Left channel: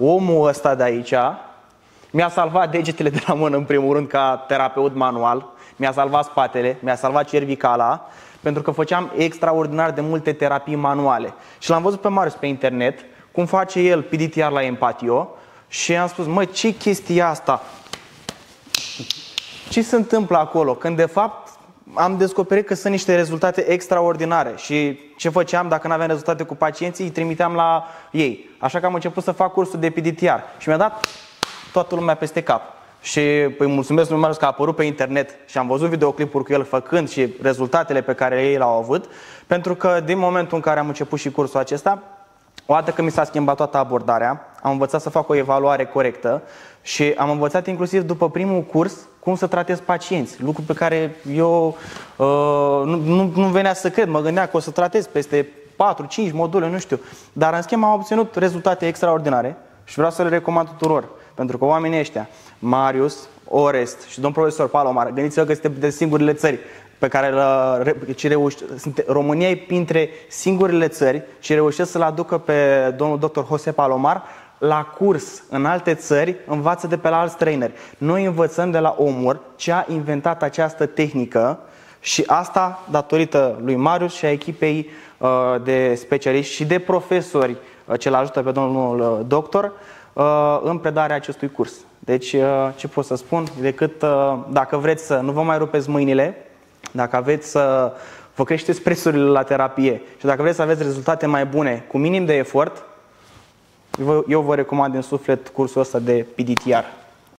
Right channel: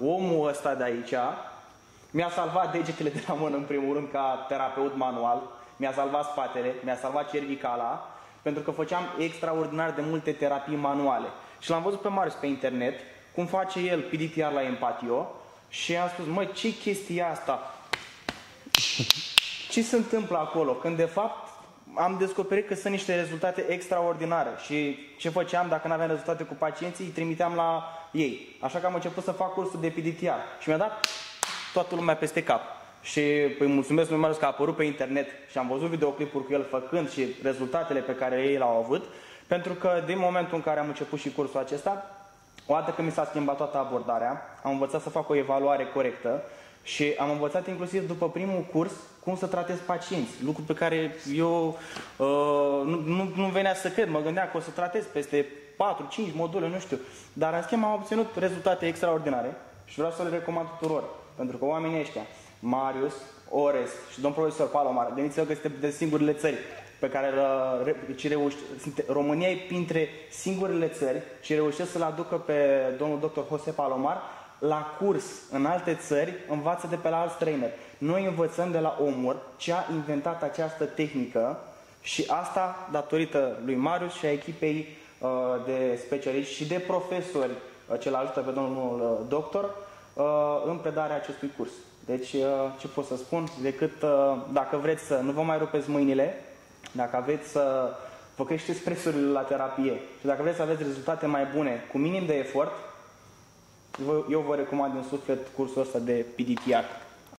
omul ăsta de aici mi-a salvat degetele de la mână, în primul rând, ca terapeut manual, mi-a salvat spatele, mi-a salvat cervicala, pentru că făceam extraordinar de multe terapii manuale. Și l-am văzut pe Marius pe internet, cum face el PDTR la Empatio, și am spus, mă, ce chestia asta? Ce se întâmplă acolo? Când de fapt am descoperit că sunt niște rezultate extraordinare. Și ce făceam dacă nu aveam rezultate cu pacienții, îi trimiteam la ei. Așa că am început să fac cursul de PDTR. Și mi-a dat toată lumea peste cap. Și îi mulțumesc lui Marius că a apărut pe internet și am văzut videoclipuri cu el făcând și rezultatele pe care ei l-au avut. Pentru că din momentul în care am început și cursul acesta, o dată că mi s-a schimbat toată abordarea, am învățat să fac o evaluare corectă și am învățat inclusiv după primul curs cum să tratez pacienți. Lucru pe care eu nu venea să cred. Mă gândeam că o să tratez peste 4-5 module, nu știu. Dar în schimb am obținut rezultate extraordinare și vreau să le recomand tuturor. Pentru că oamenii ăștia, Marius, Orest și domnul profesor Palomar, gândiți-vă că suntem de singurele țări pe care România e printre singurele țări și reușesc să-l aducă pe domnul doctor Jose Palomar la curs în alte țări, învață de pe la alți traineri. Noi învățăm de la omul ce a inventat această tehnică și asta datorită lui Marius și a echipei de specialiști și de profesori ce-l ajută pe domnul doctor în predarea acestui curs. Deci, ce pot să spun? Decât dacă vreți să nu vă mai rupeți mâinile, dacă aveți să vă creșteți prețurile la terapie și dacă vreți să aveți rezultate mai bune cu minim de efort, eu vă recomand din suflet cursul ăsta de PDTR.